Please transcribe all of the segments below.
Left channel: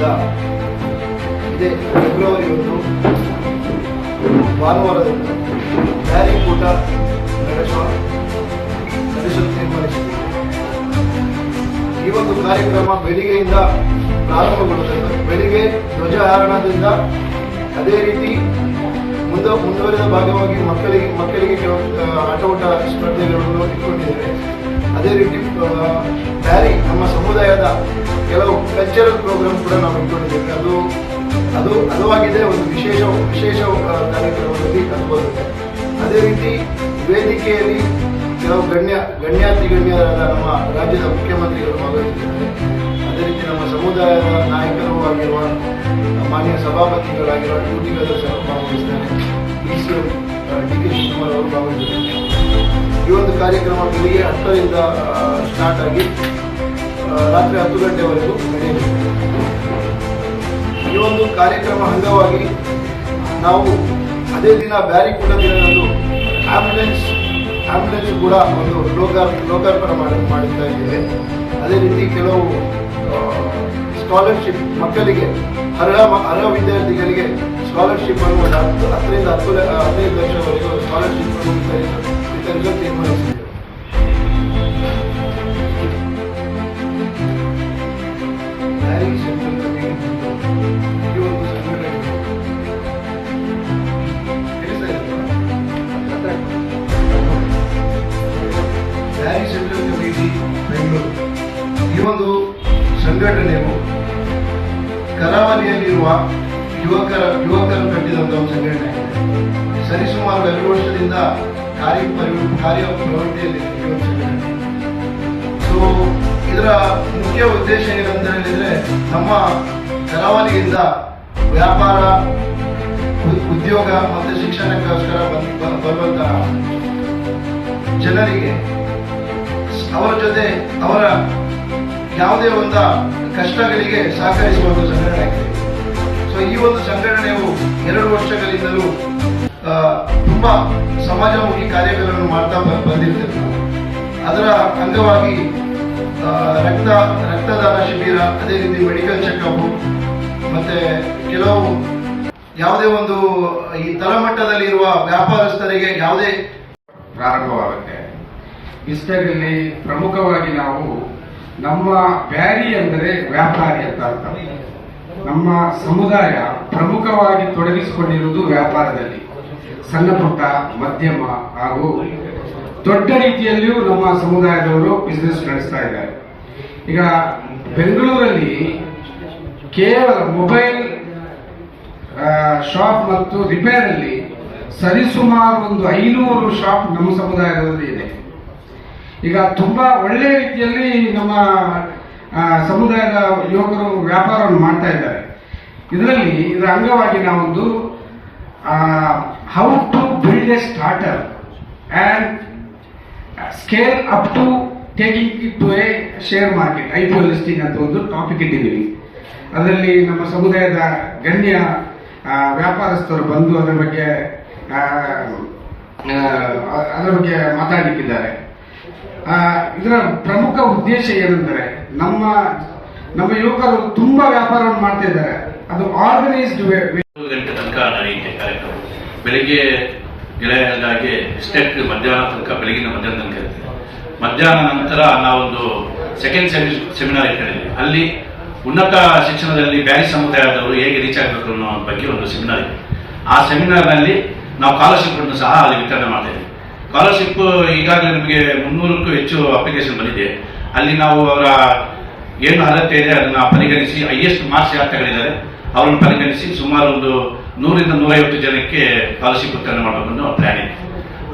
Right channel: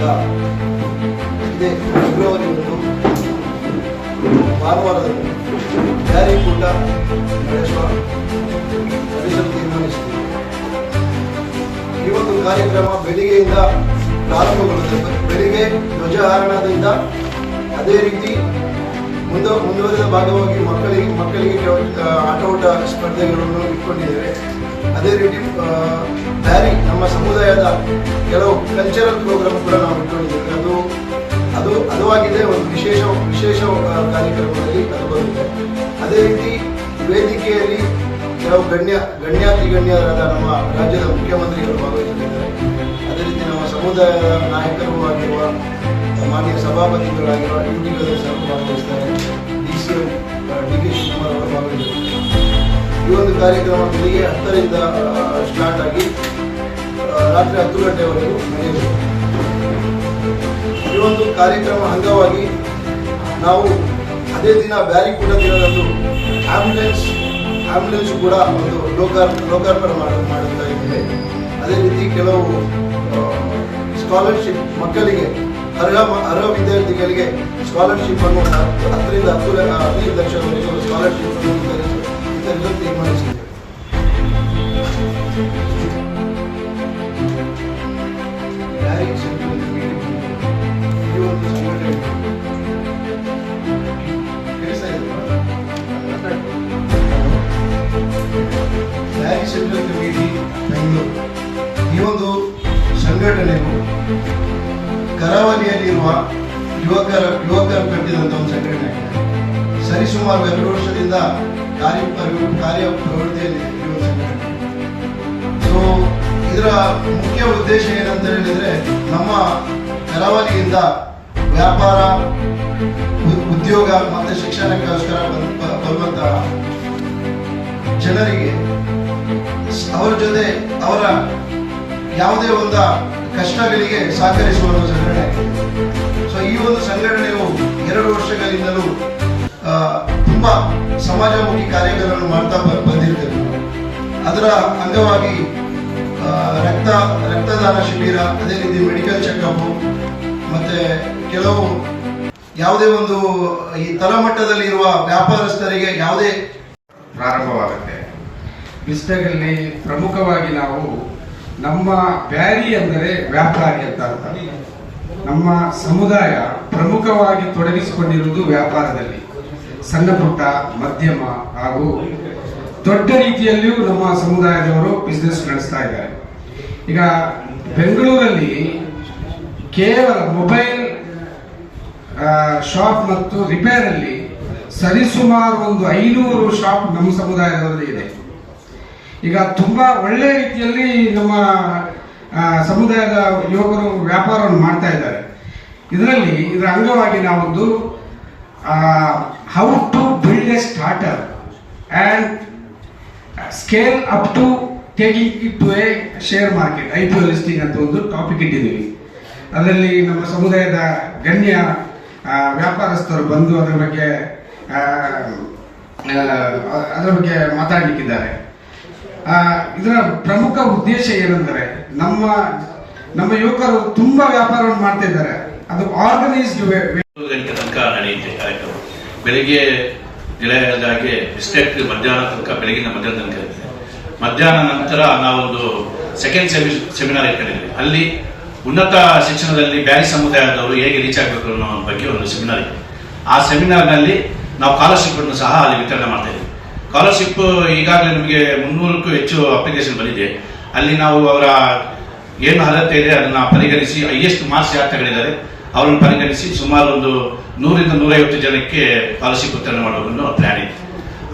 ವತಿಯಿಂದ ಇದೇ ಫೆಬ್ರವರಿ ಒಂದು, ಭಾನುವಾರದಂದು ಜಾರಿ ಕೂಟ ನಡೆಸುವ ನಡೆಸಲು ತೀರ್ಮಾನಿಸಿದೆ. ಈ ಒಂದು ಕಾರ್ಯಕ್ರಮ ಬೆಳಿಗ್ಗೆಯಿಂದ ಪ್ರಾರಂಭಗೊಳ್ಳುತ್ತದೆ. ಬೆಳಿಗ್ಗೆ ಧ್ವಜಾರೋಹಣದಿಂದ ಅದೇ ರೀತಿ ಮುಂದೆ, ಮುಂದುವರೆದ ಭಾಗವಾಗಿ ಮಕ್ಕಳಿಗೆ ಮಕ್ಕಳಿಗೆ ಆಟೋಟ ಸ್ಪರ್ಧೆಗಳನ್ನು ಇಟ್ಕೊಂಡಿದ್ದೇವೆ ಅದೇ ರೀತಿ ಬ್ಯಾರಿ ನಮ್ಮ ಸಮುದಾಯದ ಕೆಲವು ಕಲ್ಚರಲ್ ಪ್ರೋಗ್ರಾಮ್ ಕೂಡ ನಾವು ಇಟ್ಕೊಂಡಿದ್ದೇವೆ. ಅದು ಅದು ಅದು ಆಗಿದೆ ಒಂದು ವಿಶೇಷ ವಿಶೇಷ ಕಾರ್ಯಕ್ರಮದಲ್ಲಿ ಅದು ಬರುತ್ತೆ ಅದೇ ರೀತಿ ವೇದಿಕೆಯಲ್ಲಿ ಕೆಲವು ಗಣ್ಯ ಗಣ್ಯಾತಿ ಗಣ್ಯರಾದ ನಮ್ಮ ರಾಜ್ಯದ ಮುಖ್ಯಮಂತ್ರಿಗಳು ಭಾಗವಹಿಸಿದ್ದಾರೆ. ಅದೇ ರೀತಿ ನಮ್ಮ ಸಮುದಾಯದ ನಾಯಕರು ಆಗಿರುವ ಮಾನ್ಯ ಸಭಾಪತಿಗಳಾಗಿರುವ ಡ್ಯೂಟಿಗಳು ಸಹ ಭಾಗವಹಿಸ್ತಾರೆ D C M D K Shivakumar ಅವರು ಭಾಗವಹಿಸಿದ್ದಾರೆ. ಈ ಒಂದು ಕಾರ್ಯಕ್ರಮ ಬೆಳಿಗ್ಗೆ ಹತ್ತರಿಂದ ಸ್ಟಾರ್ಟ್ ಆಗಿ ರಾತ್ರಿ ಹತ್ತು ಗಂಟೆವರೆಗೂ ನಡೆಯಲಿದೆ ಈ ಒಂದು ಕಾರ್ಯಕ್ರಮ ಅಂಗವಾಗಿ ನಾವು ಅದೇ ದಿನ ಬ್ಯಾರಿಕೂಟ ದಿನದಂದು ಆಂಬ್ಯುಲೆನ್ಸ್ ಆಂಬ್ಯುಲೆನ್ಸ್ ಕೂಡ ಒಂದು ಲೋಕಾರ್, ಲೋಕಾರ್ಪಣೆ ಮಾಡಿ, ಮಾಡುತ್ತಾ ಇದ್ದೇವೆ. ಅದೇ ರೀತಿ ಕೆಲವು ಸ್ಕಾಲರ್ಶಿಪ್ ಮಕ್ಕಳಿಗೆ, ಅರ್ಹ ಅರ್ಹ ವಿದ್ಯಾರ್ಥಿಗಳಿಗೆ ಸ್ಕಾಲರ್ಶಿಪ್ ಅನ್ನು ಹತ್ತರಿಂದ ಹತ್ತು ಹದಿನೈದು ಲಕ್ಷವರೆಗೂ ಸ್ಕಾಲರ್ಶಿಪ್ ಅನ್ನು ವಿತರಿಸಲು ಸೆಂಟ್ರಲ್ ಕಮಿಟಿ ಈ ಒಂದು ಸಂಘಟನೆಯು ಕರಾವಳಿಯಲ್ಲಿರುವ ಯುವಕರ ಯುವಕರು ಕಟ್ಟಿದಂತಹ ಒಂದು ಸಂಘಟನೆ. ಸರಿಸುಮಾರು ಎರಡು ವರ್ಷದಿಂದ ಕಾರ್ಯ ಕಾರ್ಯ ಪ್ರವೃತ್ತಿಯಲ್ಲಿ ಸೊ ಇದರ ಮುಖ್ಯ ಉದ್ದೇಶ ಏನಂತ ಹೇಳಿದ್ರೆ ನಮ್ಮ ಕರಾವಳಿಯಿಂದ ವ್ಯಾಪಾರ ಉದ್ಯೋಗ ಮತ್ತು ಶಿಕ್ಷಣಕ್ಕೋಸ್ಕರ ಬರುವಂತಹ ಜನರಿಗೆ ಅವರ ಜೊತೆ ಅವರ ಯಾವುದೇ ಒಂದು ಕಷ್ಟಗಳಿಗೆ ಸಹಕರಿಸುವ ಒಂದು ಸಂಘಟನೆ ಸೊ ಈ ಒಂದು ಸಂಘಟನೆಯು ಎರಡು ವರ್ಷಗಳಿಂದಲೂ ತುಂಬಾ ಸಮಾಜಮುಖಿ ಕಾರ್ಯಗಳನ್ನು ಮಾಡ್ತಾ ಬಂದಿರ್ತೇವೆ ಅದರ ಅಂಗವಾಗಿ ರಕ್ತ, ರಕ್ತದಾನ ಶಿಬಿರ, ಅದೇ ರೀತಿ ಮೆಡಿಕಲ್ ಚೆಕಪ್ ಮತ್ತೆ ಕೆಲವು ಯಾವುದೇ ಒಂದು ಈ ತಳಮಟ್ಟದಲ್ಲಿ ಇರುವ ವ್ಯಾಪಾರಸ್ಥರಿಗೆ ಯಾವುದೇ ಪ್ರಾರಂಭವಾಗುತ್ತೆ. ಬಿಸ್ಟಗಲ್ಲಿ ಪ್ರಮುಖವಾಗಿ ನಾವು ನಮ್ಮ ಬ್ಯಾರಿ ಅಂದರೆ ವ್ಯಾಪಾರಿ ಅಂತ ಅರ್ಥ. ನಮ್ಮ ಸಮುದಾಯ ಪ್ರಮುಖವಾಗಿ ತೊಡಗಿಸಿಕೊಂಡಿರುವುದು ವ್ಯಾಪಾರದಲ್ಲಿ. ಸಣ್ಣ ಪುಟ್ಟ ಮಧ್ಯಮ ಹಾಗೂ ದೊಡ್ಡ ರೀತಿಯಲ್ಲಿಯೂ ನಮ್ಮ ಸಮುದಾಯದವರು ಬಿಸ್ನೆಸ್ ನಡೆಸ್ತಾ ಇದ್ದಾರೆ. ಈಗ ಬೆಂಗಳೂರಲ್ಲಿ ಕೇವಲ ಮೊಬೈಲ್ ಶಾಪ್ ಮತ್ತು ರಿಪೇರ್ ಅಲ್ಲಿ ಸರಿಸುಮಾರು ಒಂದು ಐನೂರು ಶಾಪ್ ನಮ್ಮ ಸಮುದಾಯದಲ್ಲಿ ಇದೆ. ಈಗ ತುಂಬಾ ಒಳ್ಳೆ ರೀತಿಯಲ್ಲಿ ನಮ್ಮ ಸಮುದಾಯದ ಯುವಕರು ವ್ಯಾಪಾರವನ್ನು ಮಾಡ್ತಾ ಇದ್ದಾರೆ. ಇದರಲ್ಲಿ, ಇದರ ಅಂಗವಾಗಿ ನಾವೊಂದು how to build a starter and scale up to taking it to a share market I P O listing ಅಂತ ಒಂದು ಟಾಪಿಕ್ ಇಟ್ಟಿದ್ದೀವಿ. ಅದರಲ್ಲಿ ನಮ್ಮ ಸಮುದಾಯದ ಗಣ್ಯ ವ್ಯಾಪಾರಸ್ಥರು ಬಂದು ಅದರ ಬಗ್ಗೆ ಅದರ ಬಗ್ಗೆ ಮಾತಾಡಲಿಕ್ಕಿದ್ದಾರೆ. ಇದರ ಪ್ರಮುಖ ಉದ್ದೇಶ ಏನೆಂದರೆ ನಮ್ಮ ನಮ್ಮ ಯುವಕರು ತುಂಬಾ ವ್ಯಾಪಾರವನ್ನು ಮಾಡ್ತಾ ಇದ್ದಾರೆ ಅದು ಆರ್ಗನೈಸ್ಡ್ ತನಕ ನಡೆಯುತ್ತೆ ಕಾರ್ಯಕ್ರಮ. ಬೆಳಿಗ್ಗೆ ಗೆಳೆಯದಾಗಿ ಬಿಸ್ಕೆಟ್ ಮಧ್ಯಾಹ್ನ ತನಕ, ಬೆಳಗಿನ ಮಧ್ಯಾಹ್ನ ತನಕ ಇರ್ತೀವಿ ಮಧ್ಯಾಹ್ನ ನಂತರ ನಾವೊಂದು ಸೆಕೆಂಡ್ ಸೆಮಿ ಸೆಮಿನಾರ್ ಇಟ್ಕೊಂಡಿದ್ವಿ ಅಲ್ಲಿ ಉನ್ನತ ಶಿಕ್ಷಣದಲ್ಲಿ ಬ್ಯಾರಿ ಸಮುದಾಯದವರು ಹೇಗೆ ರೀಚ್ ಆಗಬೇಕು ಅನ್ನೋ ಬಗ್ಗೆ ಒಂದು ಸೆಮಿನಾರ್ ಇದೆ. ಆ ಸೆಮಿನಾರ್ನಲ್ಲಿ ನಾವು ಸ್ಕಾಲರ್ಶಿಪ್ ಅನ್ನು ಸಹ ಅಲ್ಲಿ ವಿತರಣೆ ಮಾಡ್ತಾ ಇದ್ದೀವಿ. ಸ್ಕಾಲರ್ಶಿಪ್ ಈಗಾಗಲೇ ನಮಗೆ ಮುನ್ನೂರಕ್ಕೂ ಹೆಚ್ಚು ಅಪ್ಲಿಕೇಶನ್ ಬಂದಿದೆ. ಅಲ್ಲಿ ನಾವು ಅವರ ಏನು ಅರ್ಹತೆ ಇದೆ ಅದನ್ನ ಪರಿಗಣಿಸಿ ಹೈಯೆಸ್ಟ್ ಮಾರ್ಕ್ಸ್ ಯಾರು ತಗೊಂಡಿದ್ದಾರೆ, ಅವರನ್ನು ಪರಿಗಣಿಸಿ ಸುಮಾರು ಒಂದು ನೂರಿಂದ ನೂರೈವತ್ತು ಜನಕ್ಕೆ ಪಾಲಿಸಿ ವಿತರಣೆ ಮಾಡೋದನ್ನು ಪ್ಲಾನ್ ಇದೆ.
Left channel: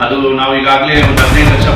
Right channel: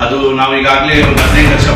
ಅದು ನಾವು ಈಗಾಗಲೇ ಒಂದು ಹದಿನೈದು ಲಕ್ಷ